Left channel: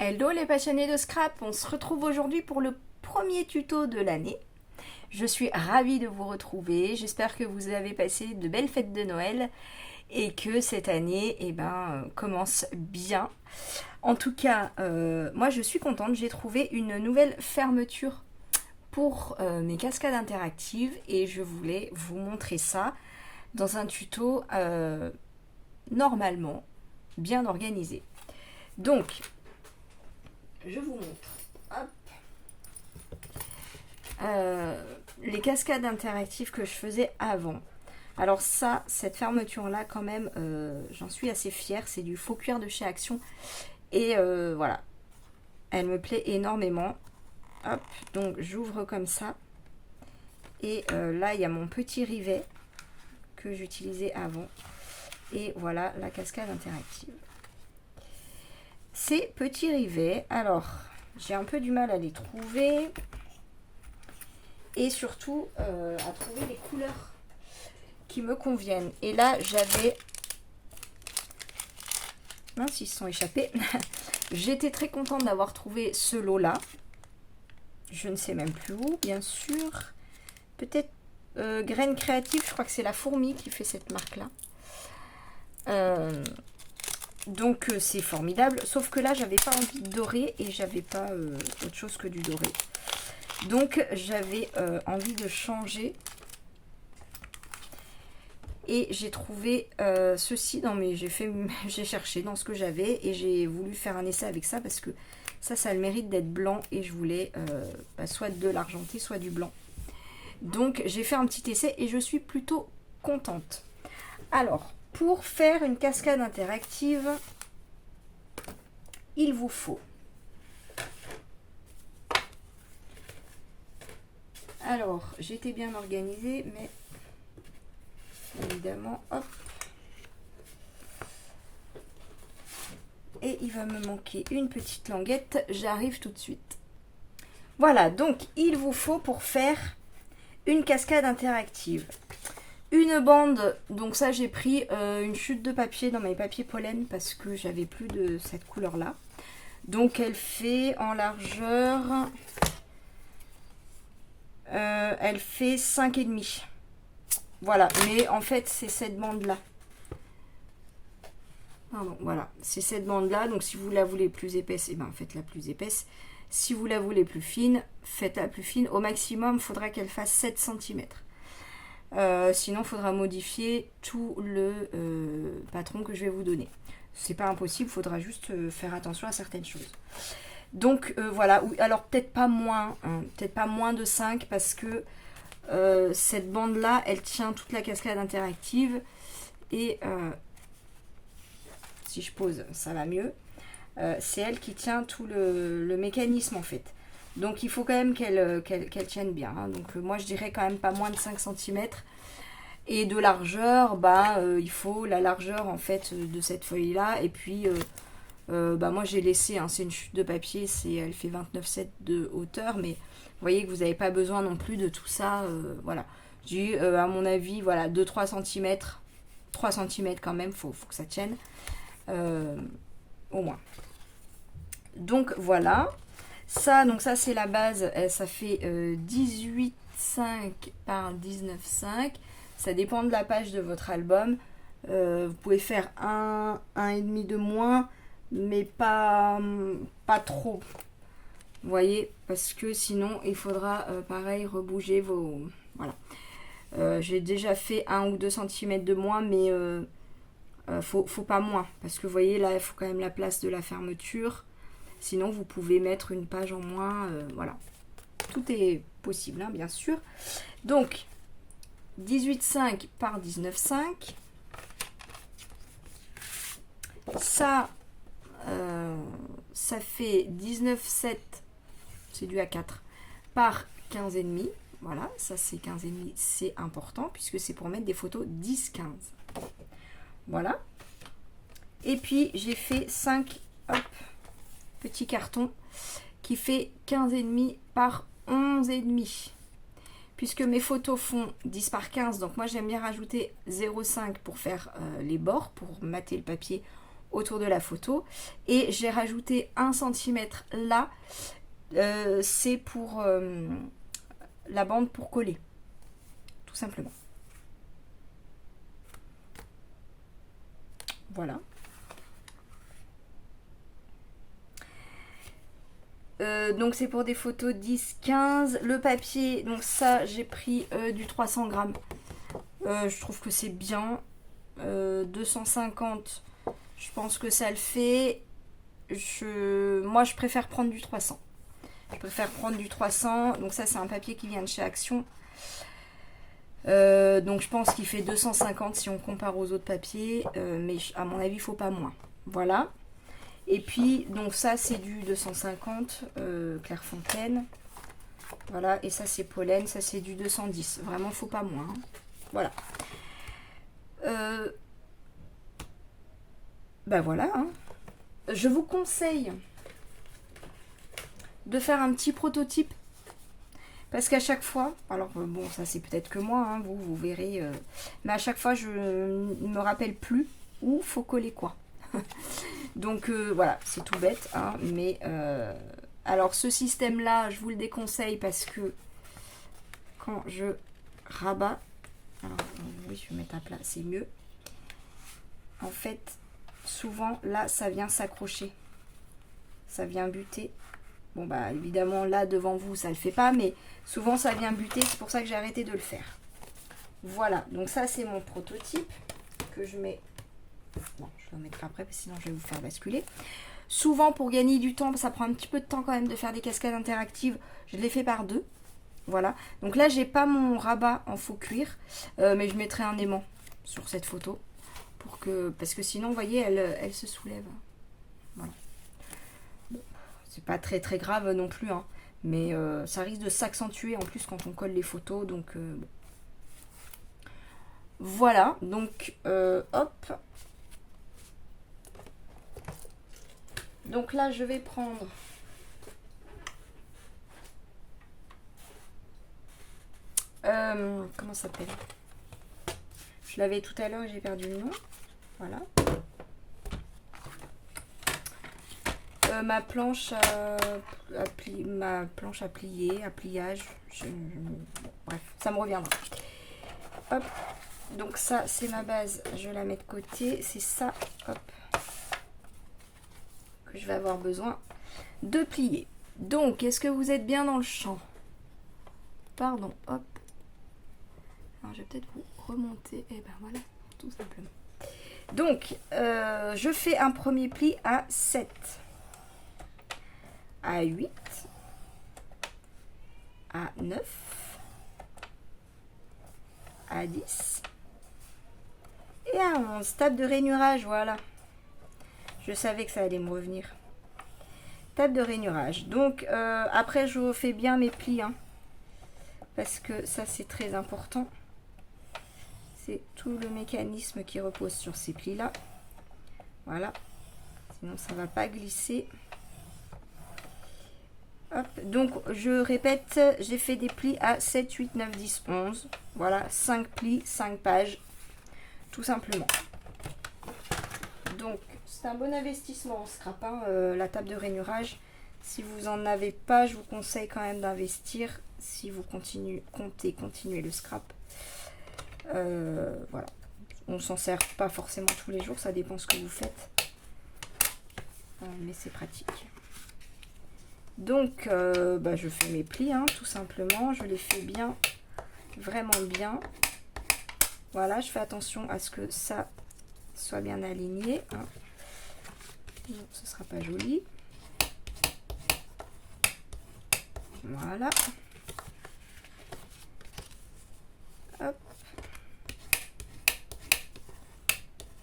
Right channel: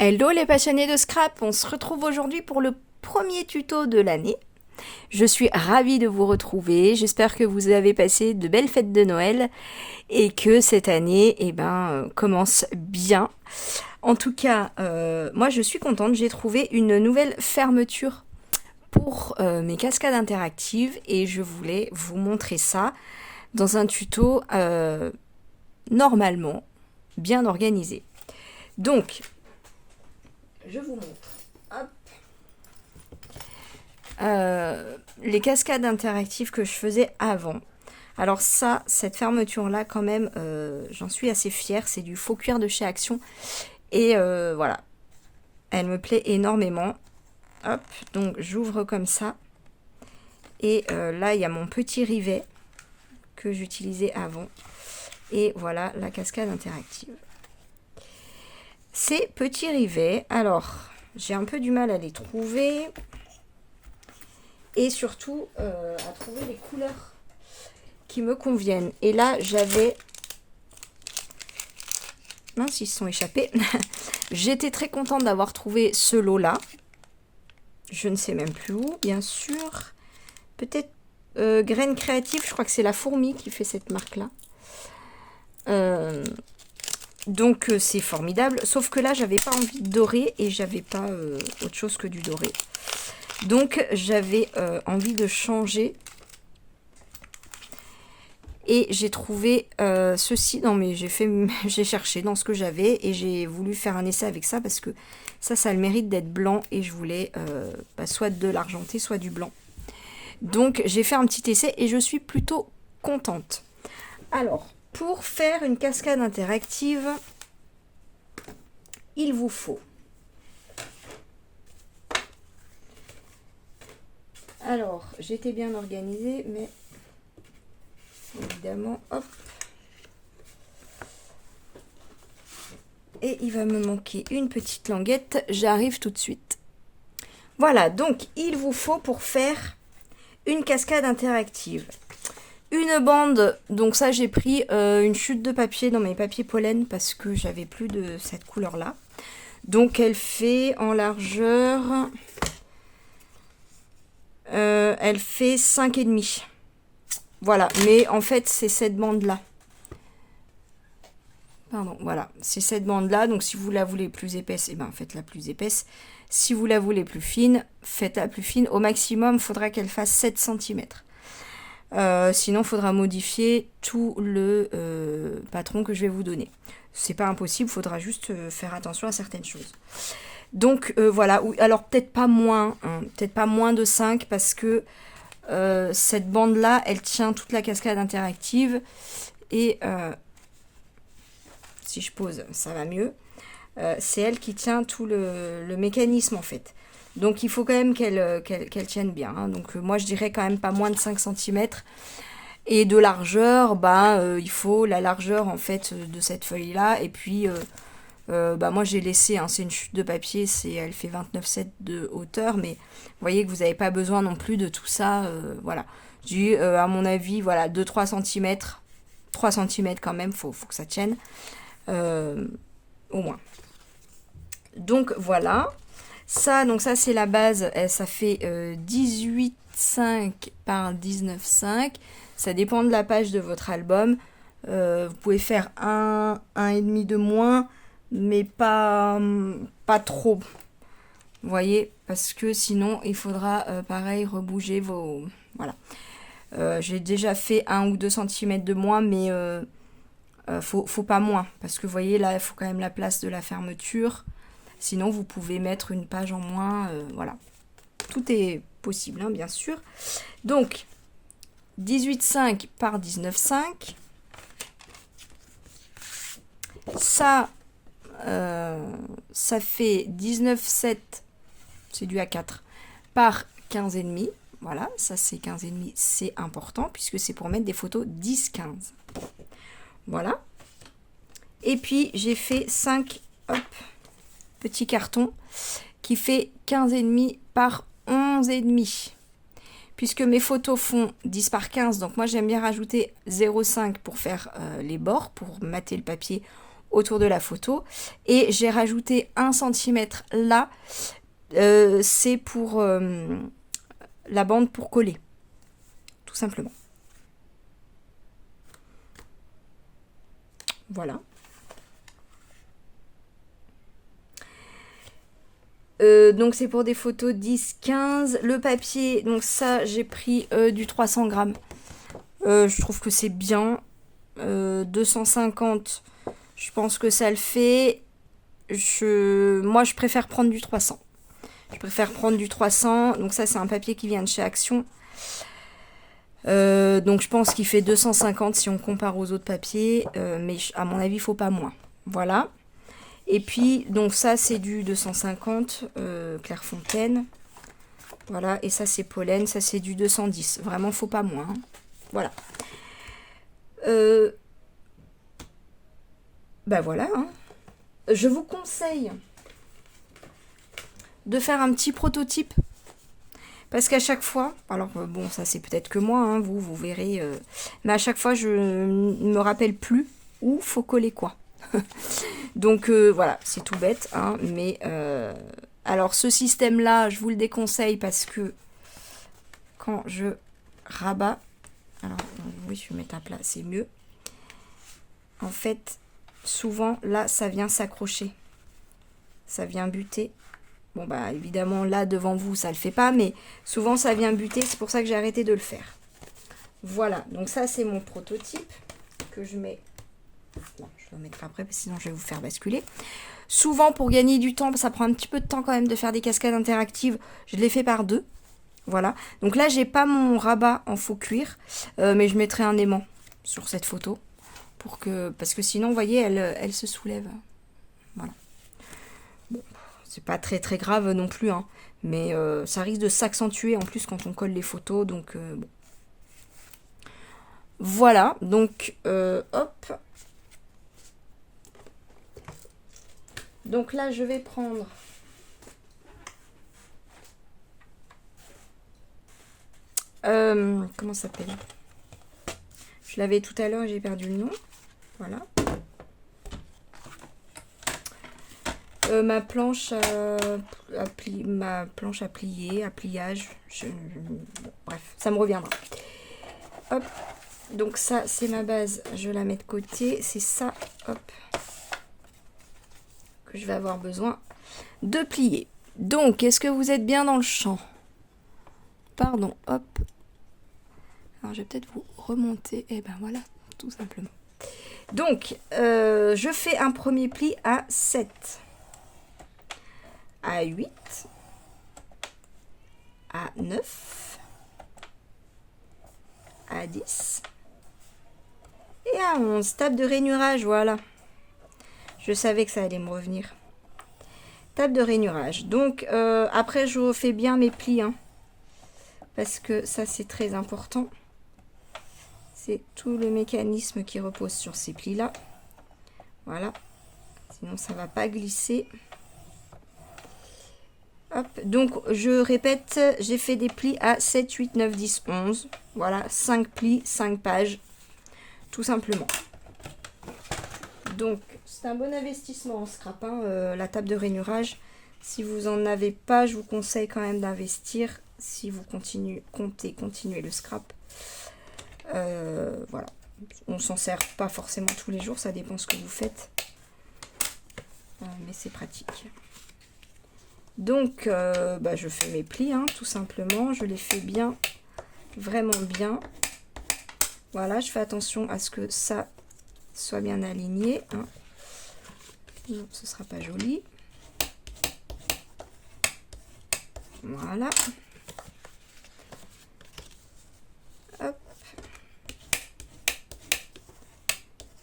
Hello les passionnés de scrap, on se retrouve aujourd'hui pour le premier tuto de l'année. Je suis ravie de vous retrouver, j'espère que vous avez passé de belles fêtes de Noël et que cette année commence bien. En tout cas, moi je suis contente, j'ai trouvé une nouvelle fermeture pour mes cascades interactives et je voulais vous montrer ça dans un tuto normalement bien organisé. Donc, je vous montre. Hop. Les cascades interactives que je faisais avant. Alors ça, cette fermeture-là, quand même, j'en suis assez fière. C'est du faux cuir de chez Action. Et voilà, elle me plaît énormément. Hop, donc j'ouvre comme ça. Et là, il y a mon petit rivet que j'utilisais avant. Et voilà la cascade interactive. Ces petits rivets, alors, j'ai un peu du mal à les trouver. Et surtout à trouver les couleurs qui me conviennent. Et là, j'avais... Mince, ils se sont échappés. J'étais très contente d'avoir trouvé ce lot-là. Je ne sais même plus où, bien sûr. Peut-être Graines Créatives, je crois que c'est la fourmi qui fait cette marque-là. Donc c'est formidable. Sauf que là, j'avais pas envie de doré et j'avais pas autre chose que du doré. Donc j'avais envie de changer. Et j'ai trouvé ceci. Non mais j'ai cherché dans ce que j'avais et j'ai voulu faire un essai avec ça parce que ça a le mérite d'être blanc et je voulais soit de l'argenté, soit du blanc. Donc j'ai fait un petit essai et je suis plutôt contente. Alors, pour faire une cascade interactive, il vous faut... Alors, j'étais bien organisée, mais évidemment, hop. Et il va me manquer une petite languette, j'arrive tout de suite. Voilà, donc il vous faut pour faire une cascade interactive. Une bande, donc ça j'ai pris une chute de papier dans mes papiers pollen parce que j'avais plus de cette couleur-là. Donc elle fait en largeur... elle fait 5,5. Voilà, mais en fait c'est cette bande-là. Pardon, voilà, c'est cette bande-là. Donc si vous la voulez plus épaisse, et ben faites-la plus épaisse. Si vous la voulez plus fine, faites-la plus fine. Au maximum, il faudra qu'elle fasse 7 cm. Sinon, il faudra modifier tout le patron que je vais vous donner. C'est pas impossible, il faudra juste faire attention à certaines choses. Donc voilà, alors peut-être pas moins, hein, peut-être pas moins de 5 parce que cette bande-là, elle tient toute la cascade interactive. Et si je pose, ça va mieux. C'est elle qui tient tout le mécanisme en fait. Donc il faut quand même qu'elle tienne bien. Hein. Donc moi je dirais quand même pas moins de 5 cm. Et de largeur, il faut la largeur en fait de cette feuille là. Et puis moi j'ai laissé, hein, c'est une chute de papier, elle fait 29,7 de hauteur. Mais vous voyez que vous n'avez pas besoin non plus de tout ça. Voilà. Je dis à mon avis, voilà, 2-3 cm. 3 cm quand même, faut que ça tienne. Au moins. Donc voilà. Donc ça c'est la base, ça fait 18,5 par 19,5. Ça dépend de la page de votre album. Vous pouvez faire 1,5 de moins, mais pas trop. Vous voyez, parce que sinon il faudra pareil rebouger vos... Voilà. J'ai déjà fait 1 ou 2 cm de moins, mais faut pas moins. Parce que vous voyez là, il faut quand même la place de la fermeture. Sinon, vous pouvez mettre une page en moins. Voilà. Tout est possible, hein, bien sûr. Donc, 18,5 par 19,5. Ça, ça fait 19,7. C'est du A4 par 15,5. Voilà, ça c'est 15,5. C'est important puisque c'est pour mettre des photos 10-15. Voilà. Et puis, j'ai fait 5... Hop, petit carton qui fait 15,5 par 11,5 puisque mes photos font 10 par 15, donc moi j'aime bien rajouter 0,5 pour faire les bords, pour mater le papier autour de la photo. Et j'ai rajouté 1 cm là, c'est pour la bande pour coller, tout simplement. Voilà. Donc c'est pour des photos 10-15. Le papier, donc ça j'ai pris du 300 grammes. Je trouve que c'est bien. 250, je pense que ça le fait. Moi je préfère prendre du 300. Je préfère prendre du 300. Donc ça c'est un papier qui vient de chez Action. Donc je pense qu'il fait 250 si on compare aux autres papiers. Mais à mon avis il faut pas moins. Voilà. Et puis, donc ça, c'est du 250 Clairefontaine. Voilà, et ça, c'est Pollen. Ça, c'est du 210. Vraiment, faut pas moins. Hein. Voilà. Bah voilà. Hein. Je vous conseille de faire un petit prototype. Parce qu'à chaque fois, alors bon, ça c'est peut-être que moi, hein, vous verrez. Mais à chaque fois, je ne me rappelle plus où faut coller quoi. Donc voilà, c'est tout bête, hein, mais alors ce système-là, je vous le déconseille parce que quand je rabats, alors oui, je vais mettre à plat, c'est mieux. En fait, souvent là, ça vient s'accrocher, ça vient buter. Bon bah évidemment là devant vous, ça le fait pas, mais souvent ça vient buter, c'est pour ça que j'ai arrêté de le faire. Voilà, donc ça c'est mon prototype que je mets. Bon, je vais le mettre après, parce que sinon je vais vous faire basculer. Souvent, pour gagner du temps, ça prend un petit peu de temps quand même de faire des cascades interactives. Je les fais par 2. Voilà. Donc là, j'ai pas mon rabat en faux cuir, mais je mettrai un aimant sur cette photo. Parce que sinon, vous voyez, elle se soulève. Voilà. Bon, c'est pas très très grave non plus, hein, mais ça risque de s'accentuer en plus quand on colle les photos. Donc, bon. Voilà. Donc, hop. Donc là, je vais prendre comment ça s'appelle? Je l'avais tout à l'heure, j'ai perdu le nom. Voilà. Ma planche à plier, à pliage. Bon, bref, ça me reviendra. Hop. Donc ça, c'est ma base. Je la mets de côté. C'est ça, hop, que je vais avoir besoin de plier. Donc, est-ce que vous êtes bien dans le champ? Pardon, hop. Alors, je vais peut-être vous remonter. Et ben voilà, tout simplement. Donc, je fais un premier pli à 7, à 8, à 9, à 10 et à 11. Table de rainurage, voilà. Je savais que ça allait me revenir. Table de rainurage. Donc, après, je refais bien mes plis, hein, parce que ça, c'est très important. C'est tout le mécanisme qui repose sur ces plis-là. Voilà. Sinon, ça ne va pas glisser. Hop. Donc, je répète, j'ai fait des plis à 7, 8, 9, 10, 11. Voilà, 5 plis, 5 pages. Tout simplement. Donc, c'est un bon investissement en scrap, hein, la table de rainurage. Si vous n'en avez pas, je vous conseille quand même d'investir si vous comptez continuer le scrap. Voilà. On s'en sert pas forcément tous les jours, ça dépend ce que vous faites. Mais c'est pratique. Donc, je fais mes plis, hein, tout simplement. Je les fais bien, vraiment bien. Voilà, je fais attention à ce que ça soit bien aligné. Hein. Non, ce sera pas joli. Voilà. Hop.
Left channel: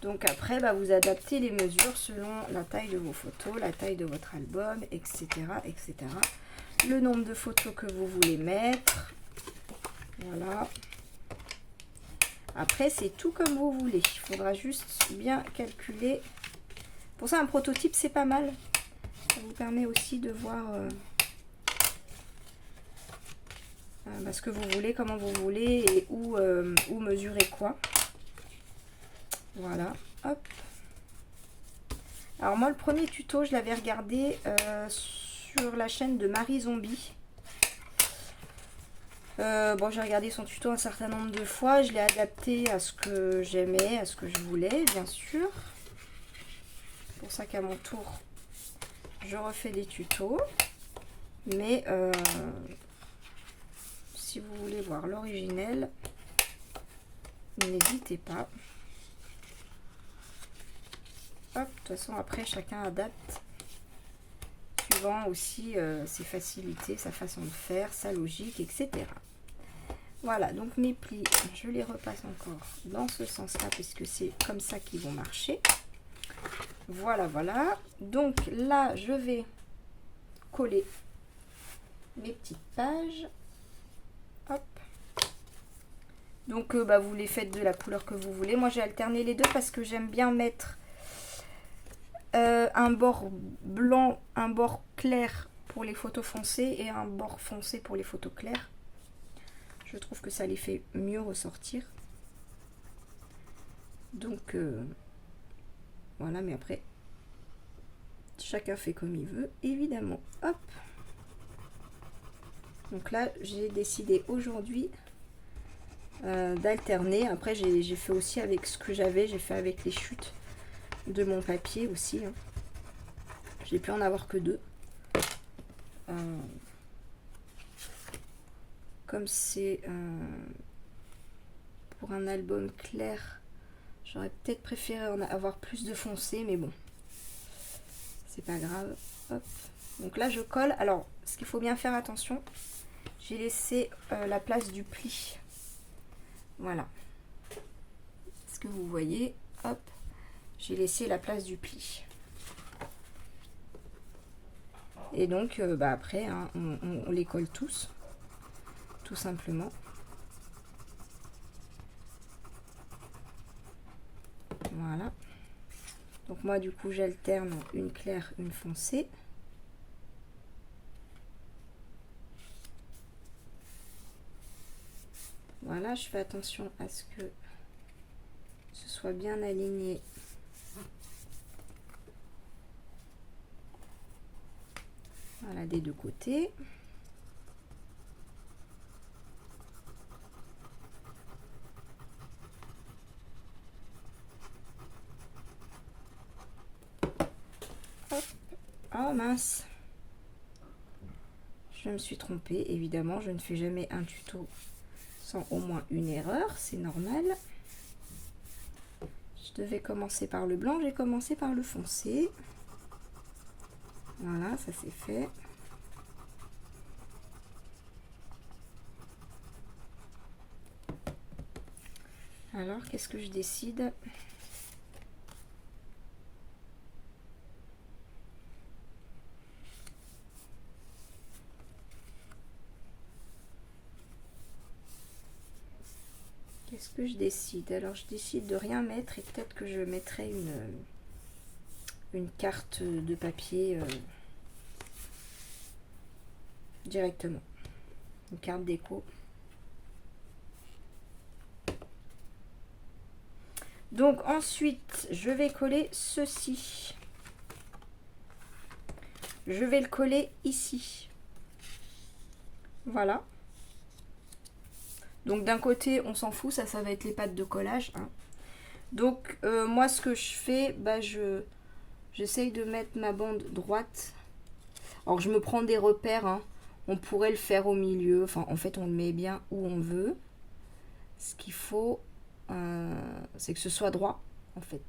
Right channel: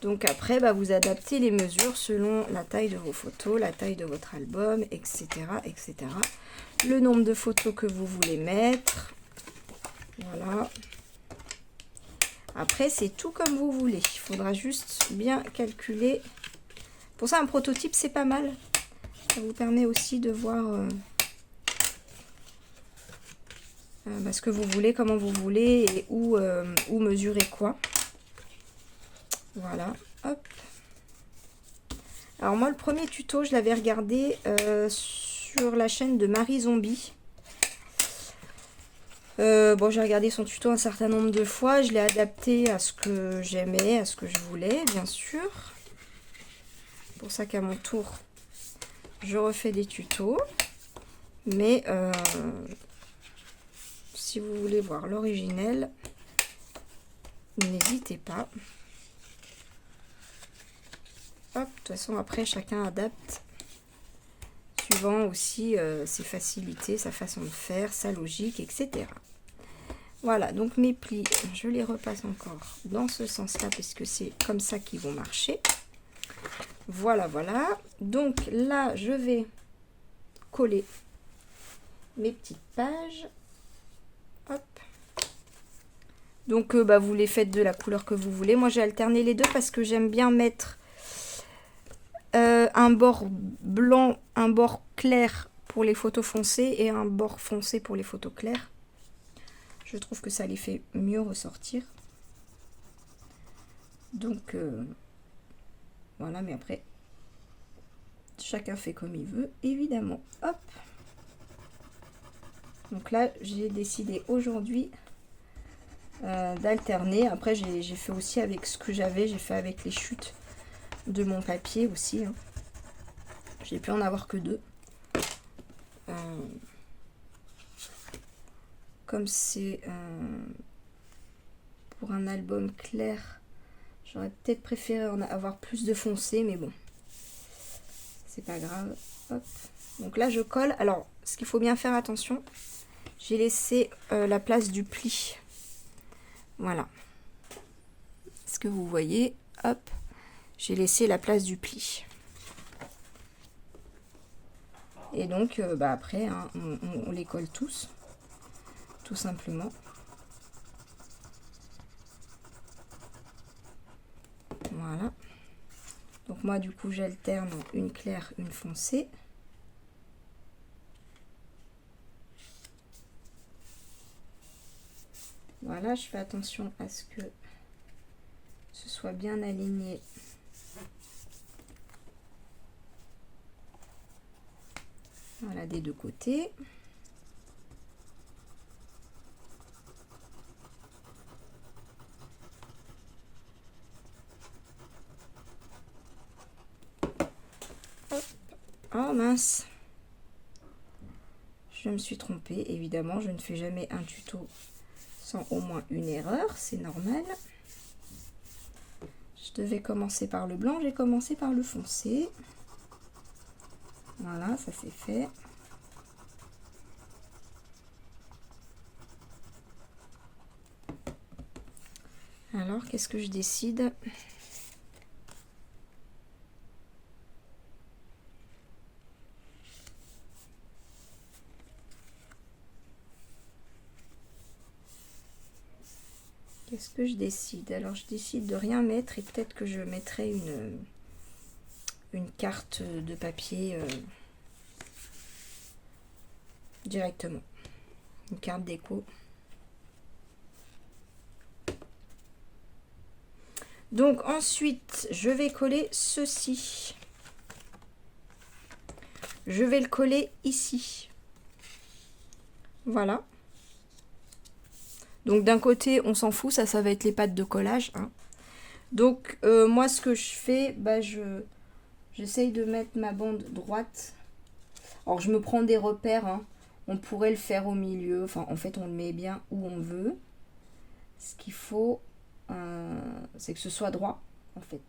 Donc après, vous adaptez les mesures selon la taille de vos photos, la taille de votre album, etc., etc. Le nombre de photos que vous voulez mettre. Voilà. Après, c'est tout comme vous voulez. Il faudra juste bien calculer. Pour ça, un prototype, c'est pas mal. Ça vous permet aussi de voir ce que vous voulez, comment vous voulez et où mesurer quoi. Voilà. Hop. Alors moi, le premier tuto, je l'avais regardé sur la chaîne de Marie Zombie. Bon, j'ai regardé son tuto un certain nombre de fois. Je l'ai adapté à ce que j'aimais, à ce que je voulais, bien sûr. C'est pour ça qu'à mon tour, je refais des tutos. Mais si vous voulez voir l'originel, n'hésitez pas. Hop, de toute façon, après, chacun adapte suivant aussi ses facilités, sa façon de faire, sa logique, etc. Voilà, donc mes plis, je les repasse encore dans ce sens-là, puisque c'est comme ça qu'ils vont marcher. Voilà, voilà. Donc là, je vais coller mes petites pages. Hop. Donc, vous les faites de la couleur que vous voulez. Moi, j'ai alterné les deux parce que j'aime bien mettre un bord blanc, un bord clair pour les photos foncées et un bord foncé pour les photos claires. Je trouve que ça les fait mieux ressortir. Donc, voilà, mais après, chacun fait comme il veut, évidemment. Hop. Donc là, j'ai décidé aujourd'hui d'alterner. Après, j'ai fait aussi avec ce que j'avais. J'ai fait avec les chutes de mon papier aussi. Hein. J'ai pu en avoir que 2. Comme c'est pour un album clair, j'aurais peut-être préféré en avoir plus de foncé, mais bon, c'est pas grave. Hop. Donc là, je colle. Alors, ce qu'il faut bien faire attention, j'ai laissé la place du pli. Voilà. Ce que vous voyez, hop, j'ai laissé la place du pli. Et donc, après, hein, on les colle tous, tout simplement. Voilà. Donc moi, du coup, j'alterne une claire, une foncée. Voilà, je fais attention à ce que ce soit bien aligné. Voilà, des deux côtés. Hop. Oh mince, je me suis trompée. Évidemment, je ne fais jamais un tuto sans au moins une erreur, c'est normal. Je devais commencer par le blanc, j'ai commencé par le foncé. Voilà, ça c'est fait. Alors, qu'est-ce que je décide ? Qu'est-ce que je décide? Alors, je décide de rien mettre et peut-être que je mettrai une carte de papier directement. Une carte déco. Donc, ensuite, je vais coller ceci. Je vais le coller ici. Voilà. Donc d'un côté, on s'en fout, ça va être les pattes de collage. Hein. Donc moi, ce que je fais, j'essaye de mettre ma bande droite. Alors je me prends des repères. Hein. On pourrait le faire au milieu. Enfin, en fait, on le met bien où on veut. Ce qu'il faut, c'est que ce soit droit, en fait.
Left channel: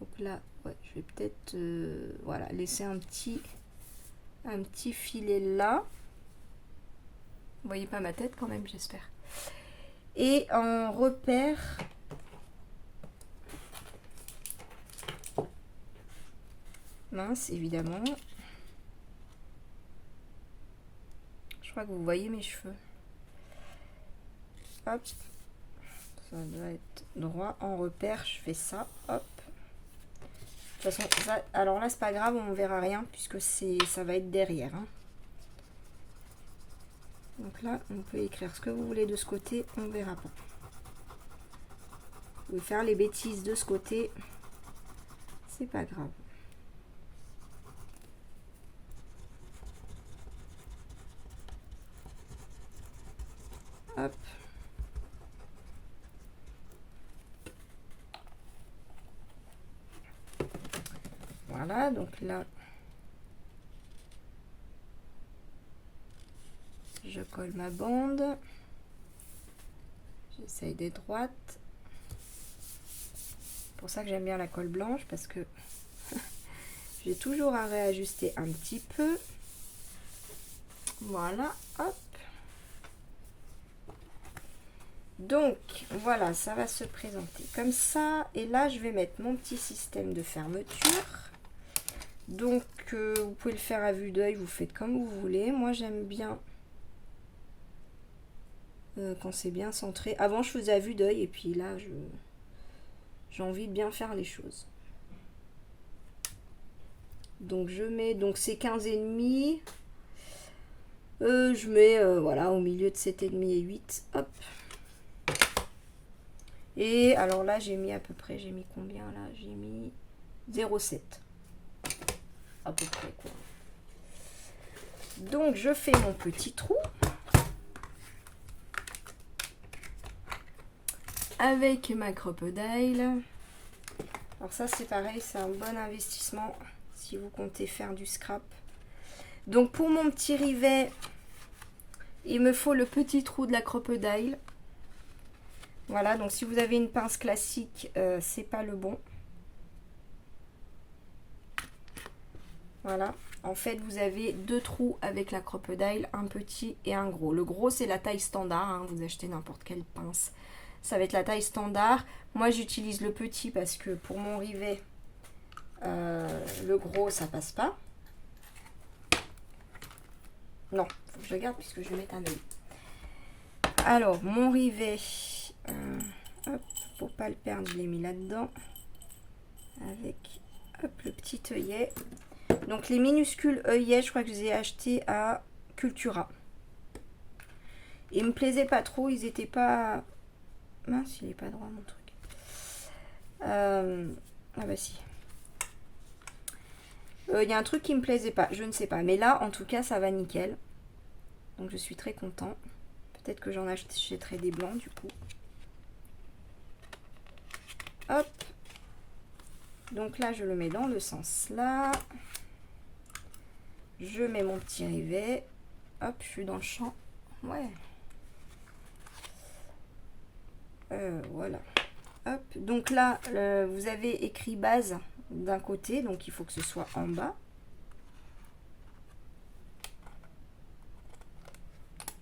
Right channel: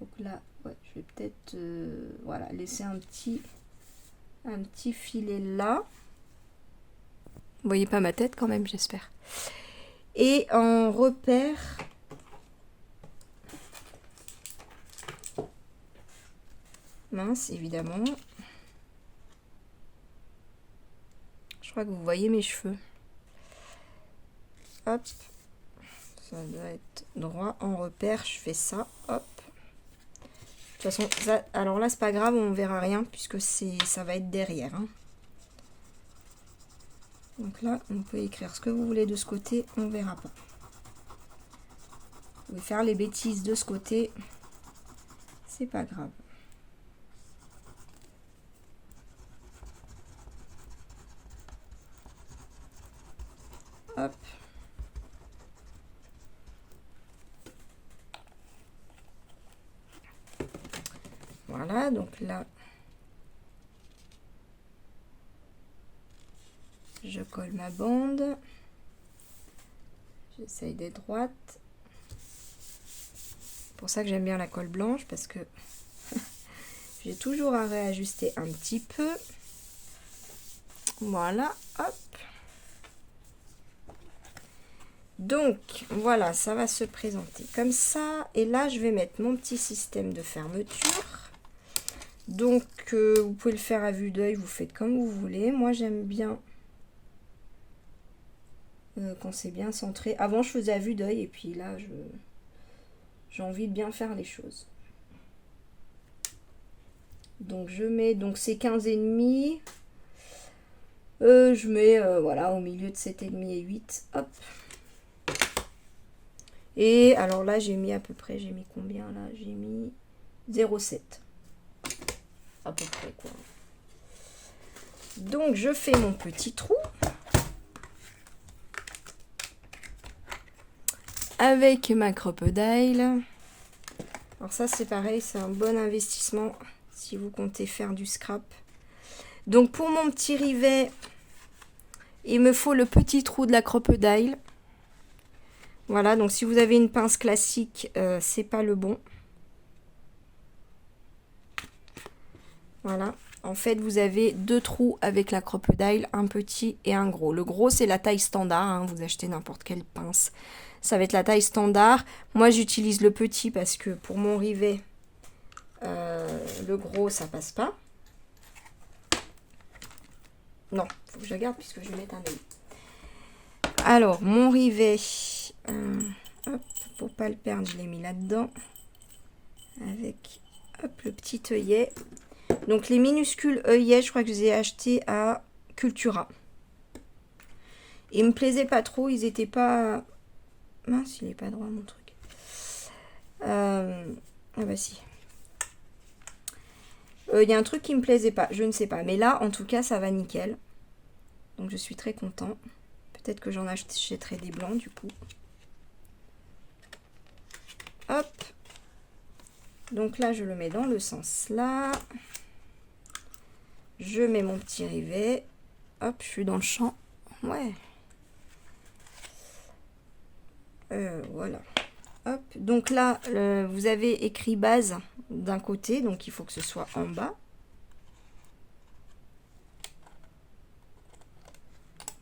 Donc là, ouais, je vais peut-être voilà, laisser un petit filet là. Vous voyez pas ma tête quand même, j'espère. Et en repère, mince, évidemment. Je crois que vous voyez mes cheveux. Hop. Ça doit être droit en repère, je fais ça. Hop. De toute façon, ça, alors là, c'est pas grave, on verra rien puisque ça va être derrière. Hein. Donc là, on peut écrire ce que vous voulez de ce côté, on verra pas. Vous pouvez faire les bêtises de ce côté, c'est pas grave. Hop. Voilà, donc là, je colle ma bande. J'essaye d'être droite. C'est pour ça que j'aime bien la colle blanche, parce que j'ai toujours à réajuster un petit peu. Voilà, hop. Donc, voilà, ça va se présenter comme ça. Et là, je vais mettre mon petit système de fermeture. Donc, vous pouvez le faire à vue d'œil, vous faites comme vous voulez. Moi, j'aime bien quand c'est bien centré. Avant, je faisais à vue d'œil, et puis là, j'ai envie de bien faire les choses. Donc, je mets, donc c'est 15,5. Je mets, voilà, au milieu de 7,5 et 8. Hop. Et alors là, j'ai mis à peu près, j'ai mis combien là? J'ai mis 0,7. À peu près, quoi. Donc, je fais mon petit trou. Avec ma crocodile. Alors ça, c'est pareil, c'est un bon investissement si vous comptez faire du scrap. Donc, pour mon petit rivet, il me faut le petit trou de la crocodile. Voilà, donc si vous avez une pince classique, c'est pas le bon. Voilà, en fait, vous avez deux trous avec la crocodile, un petit et un gros. Le gros, c'est la taille standard, hein, vous achetez n'importe quelle pince. Ça va être la taille standard. Moi, j'utilise le petit parce que pour mon rivet, le gros, ça passe pas. Non, il faut que je le garde puisque je vais mettre un œil. Alors, mon rivet, hop, pour pas le perdre, je l'ai mis là-dedans. Avec, hop, le petit œillet. Donc, les minuscules œillets, je crois que je les ai achetés à Cultura. Ils me plaisaient pas trop, ils étaient pas... Mince, il est pas droit, mon truc. Ah bah si. Il y a un truc qui me plaisait pas, je ne sais pas. Mais là, en tout cas, ça va nickel. Donc, je suis très content. Peut-être que j'en achèterai des blancs, du coup. Hop. Donc là, je le mets dans le sens là. Je mets mon petit rivet. Hop, je suis dans le champ. Ouais. Voilà. Hop. Donc là, vous avez écrit base d'un côté. Donc, il faut que ce soit en bas.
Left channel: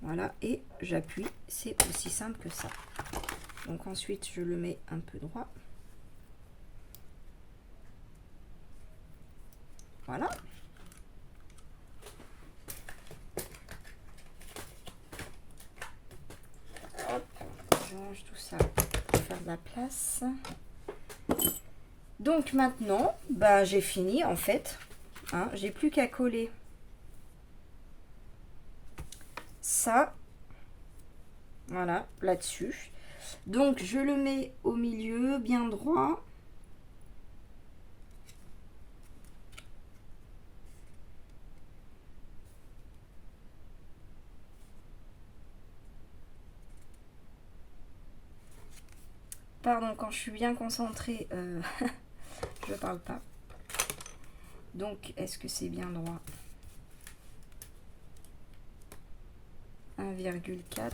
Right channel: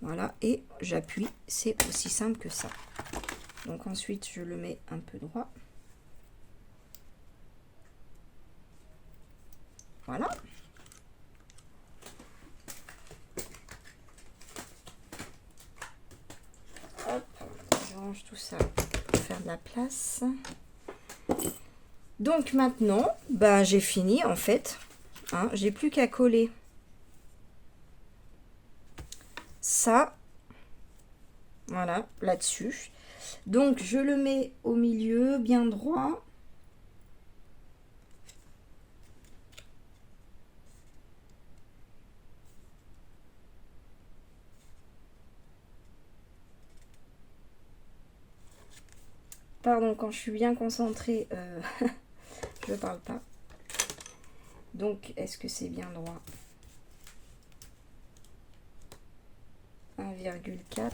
Voilà. Et j'appuie. C'est aussi simple que ça. Donc, ensuite, je le mets un peu droit. Voilà. Hop, je range tout ça pour faire de la place. Donc maintenant, ben, j'ai fini en fait. Hein, j'ai plus qu'à coller ça. Voilà, là-dessus. Donc je le mets au milieu, bien droit. Pardon, quand je suis bien concentrée, je ne parle pas. Donc, est-ce que c'est bien droit? 1,4.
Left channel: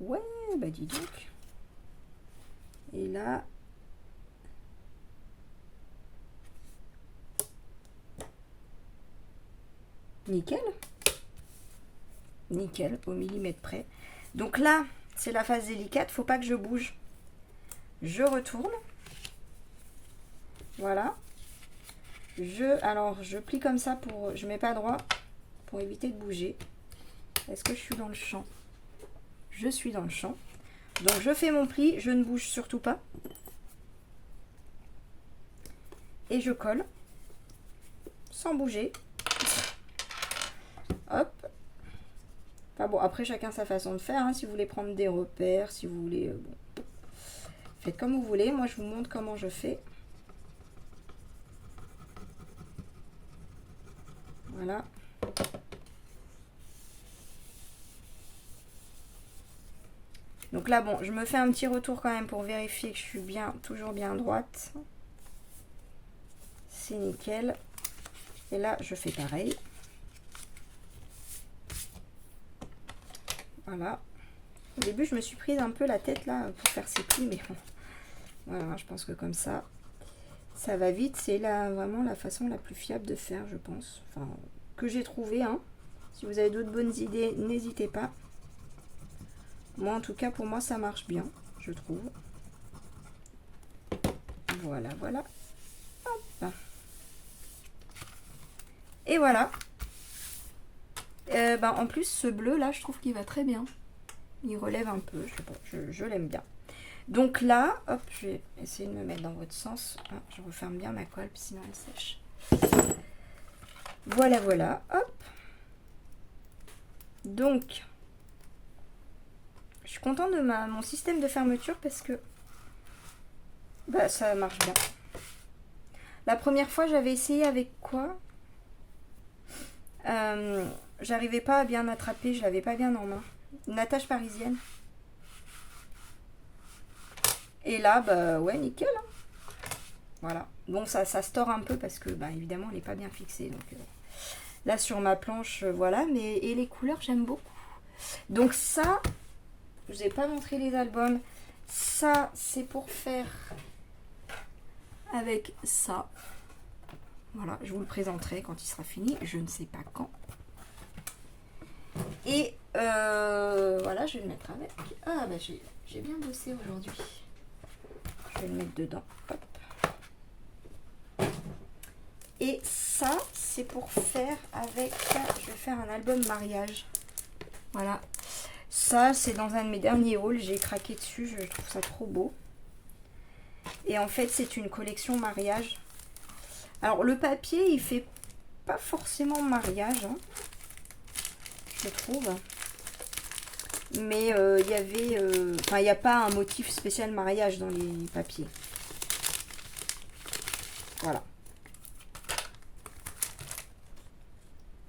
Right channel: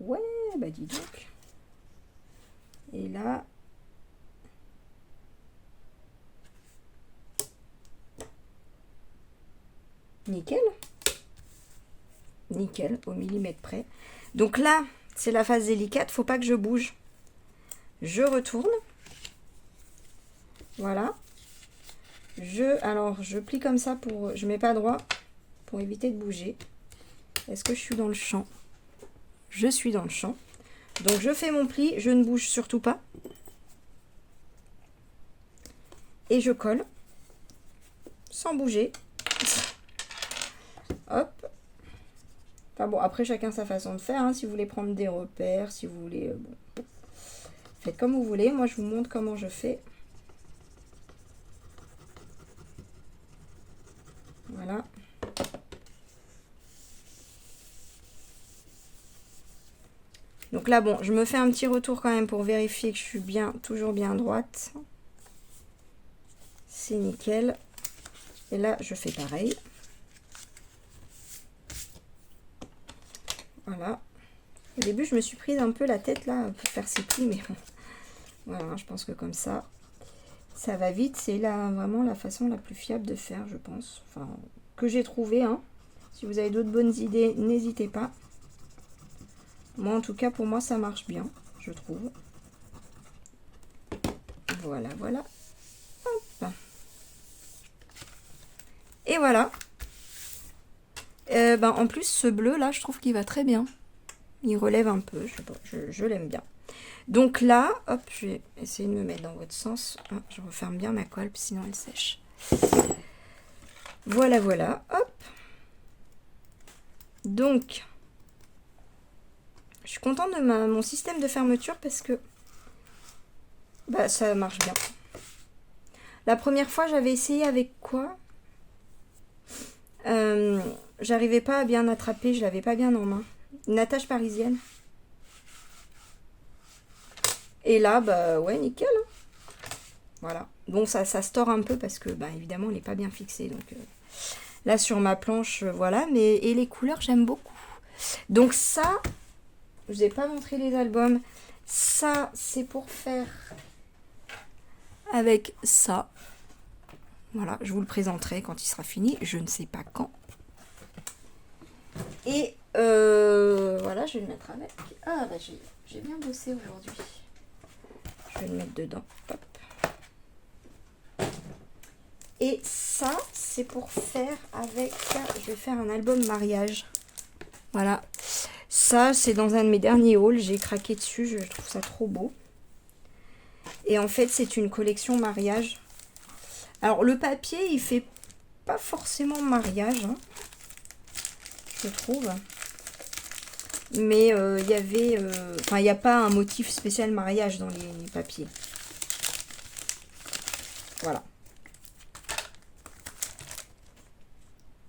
Ouais, bah dis donc. Et là... Nickel. Nickel, au millimètre près. Donc là, c'est la phase délicate, faut pas que je bouge. Je retourne. Voilà. Alors, je plie comme ça pour... Je mets pas droit pour éviter de bouger. Est-ce que je suis dans le champ? Je suis dans le champ. Donc, je fais mon pli. Je ne bouge surtout pas. Et je colle. Sans bouger. Hop. Enfin bon, après, chacun sa façon de faire. Hein, si vous voulez prendre des repères, si vous voulez... bon. Faites comme vous voulez. Moi, je vous montre comment je fais. Voilà. Donc là, bon, je me fais un petit retour quand même pour vérifier que je suis bien, toujours bien droite. C'est nickel. Et là, je fais pareil. Voilà. Au début, je me suis prise un peu la tête là pour faire ces plis, mais bon. Voilà, je pense que comme ça va vite. C'est là vraiment la façon la plus fiable de faire, je pense. Enfin, que j'ai trouvé, hein. Si vous avez d'autres bonnes idées, n'hésitez pas. Moi, en tout cas, pour moi, ça marche bien, je trouve. Voilà, voilà. Hop. Et voilà. En plus, ce bleu là, je trouve qu'il va très bien. Il relève un peu, je sais pas, je l'aime bien. Donc là, hop, je vais essayer de me mettre dans votre sens. Ah, je referme bien ma colle, sinon elle sèche. Voilà, voilà, hop. Donc, je suis contente de mon système de fermeture parce que ça marche bien. La première fois, j'avais essayé avec quoi j'arrivais pas à bien attraper, je l'avais pas bien en main. Une attache parisienne. Et là, ouais, nickel. Hein. Voilà. Bon, ça se tord un peu parce que, évidemment, il n'est pas bien fixé. Donc, là, sur ma planche, voilà. Et les couleurs, j'aime beaucoup. Donc, ça, je vous ai pas montré les albums. Ça, c'est pour faire avec ça. Voilà, je vous le présenterai quand il sera fini. Je ne sais pas quand. Et voilà, je vais le mettre avec. Ah, j'ai bien bossé aujourd'hui. Je vais le mettre dedans. Hop. Et ça, c'est pour faire avec... Je vais faire un album mariage. Voilà. Ça, c'est dans un de mes derniers hauls. J'ai craqué dessus. Je trouve ça trop beau. Et en fait, c'est une collection mariage. Alors, le papier, il fait pas forcément mariage. Hein, je trouve. Mais il y avait... Enfin, il n'y a pas un motif spécial mariage dans les papiers. Voilà.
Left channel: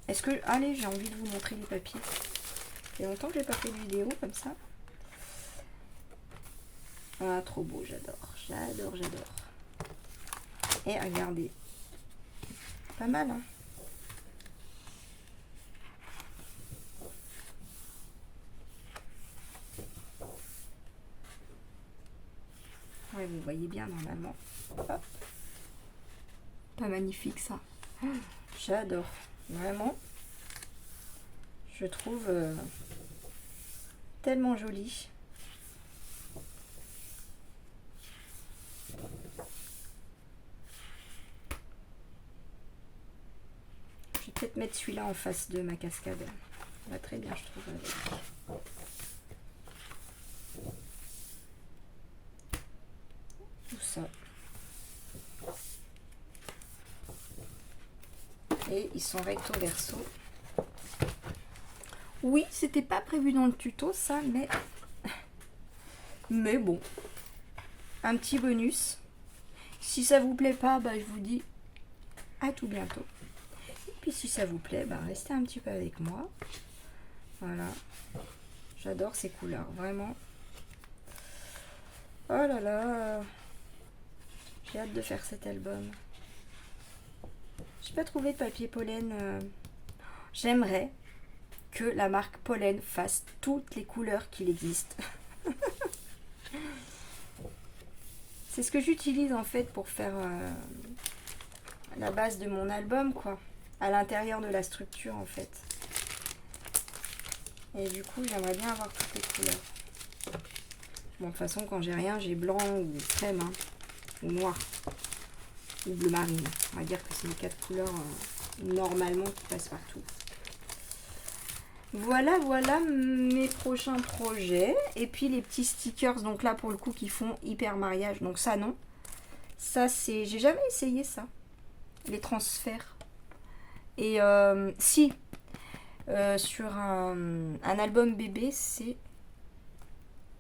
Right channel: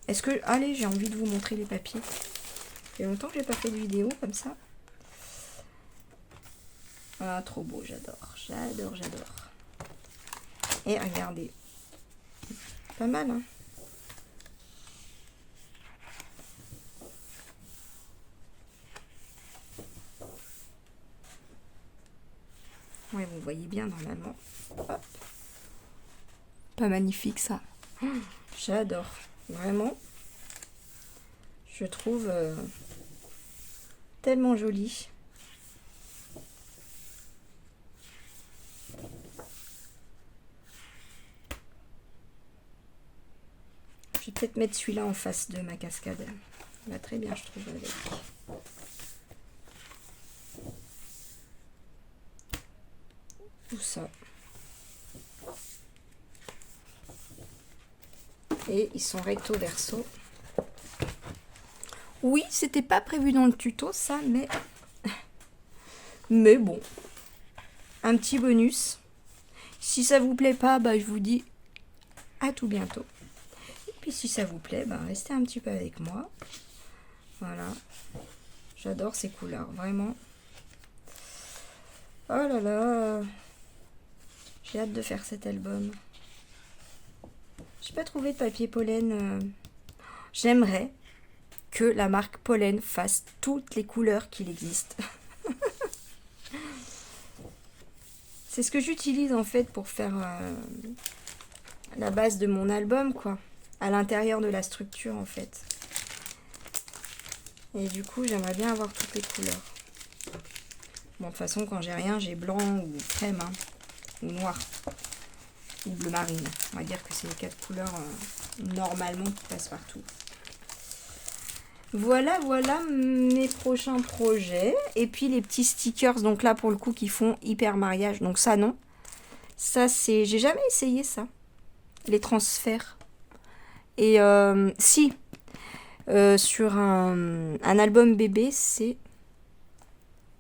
Est-ce que... Allez, j'ai envie de vous montrer les papiers. Ça fait longtemps que j'ai pas fait de vidéo comme ça. Ah, trop beau, j'adore. J'adore, j'adore. Et regardez. Pas mal, hein. Ouais, vous voyez bien normalement. Hop. Pas magnifique ça. J'adore. Vraiment. Je trouve tellement joli. Je vais peut-être mettre celui-là en face de ma cascade. Ça va très bien, je trouve, avec. Tout ça. Et ils sont recto verso. Oui, c'était pas prévu dans le tuto ça, mais bon. Un petit bonus. Si ça vous plaît pas, je vous dis à tout bientôt. Et puis si ça vous plaît, restez un petit peu avec moi. Voilà. J'adore ces couleurs, vraiment. Oh là là. J'ai hâte de faire cet album. J'ai pas trouvé de papier pollen. J'aimerais que la marque Pollen fasse toutes les couleurs qu'il existe. C'est ce que j'utilise en fait pour faire la base de mon album, quoi. À l'intérieur de la structure en fait. Et du coup, j'aimerais bien avoir toutes les couleurs. Bon, de toute façon, quand j'ai rien, j'ai blanc ou crème, hein, ou noir, ou bleu marine. On va dire que c'est les 4 couleurs normalement qui passent partout. Voilà, voilà mes prochains projets. Et puis les petits stickers, donc là pour le coup qui font hyper mariage. Donc ça non. Ça c'est... J'ai jamais essayé ça. Les transferts. Et si. Sur un album bébé, c'est...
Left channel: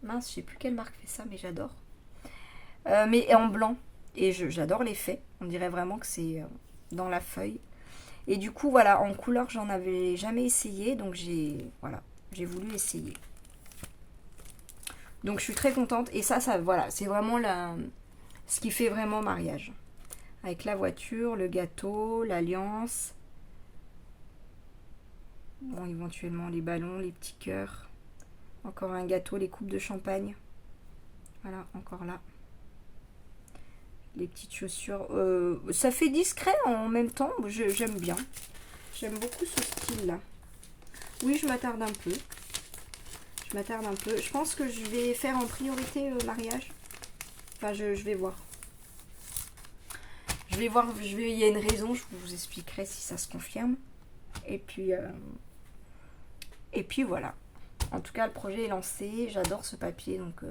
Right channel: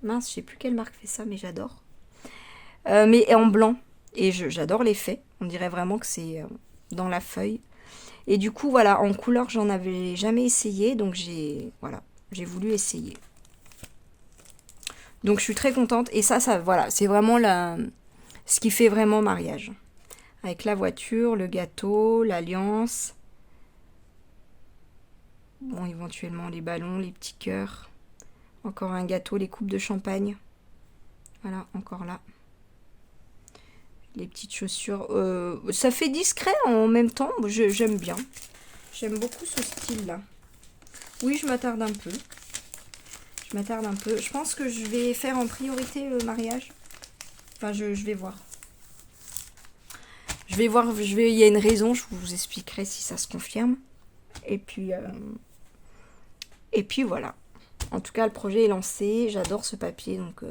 Mince, je sais plus quelle marque fait ça, mais j'adore. mais en blanc. Et j'adore l'effet. On dirait vraiment que c'est dans la feuille. Et du coup, voilà, en couleur, j'en avais jamais essayé. Donc voilà, j'ai voulu essayer. Donc je suis très contente. Et ça voilà, c'est vraiment ce qui fait vraiment mariage. Avec la voiture, le gâteau, l'alliance. Bon, éventuellement les ballons, les petits cœurs. Encore un gâteau, les coupes de champagne. Voilà, encore là. Les petites chaussures. Ça fait discret en même temps. J'aime bien. J'aime beaucoup ce style-là. Oui, je m'attarde un peu. Je pense que je vais faire en priorité le mariage. Enfin, je vais voir. Il y a une raison, je vous expliquerai si ça se confirme. Et puis voilà. En tout cas, le projet est lancé. J'adore ce papier, donc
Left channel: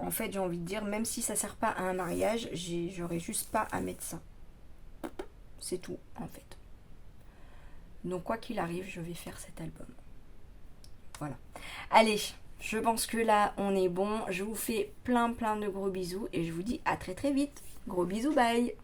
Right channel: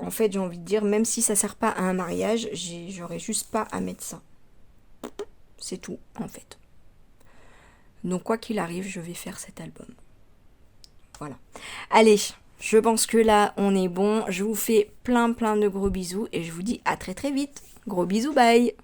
en fait, j'ai envie de dire, même si ça sert pas à un mariage, j'aurais juste pas à mettre ça. C'est tout, en fait. Donc quoi qu'il arrive, je vais faire cet album. Voilà. Allez, je pense que là, on est bon. Je vous fais plein de gros bisous et je vous dis à très vite. Gros bisous, bye.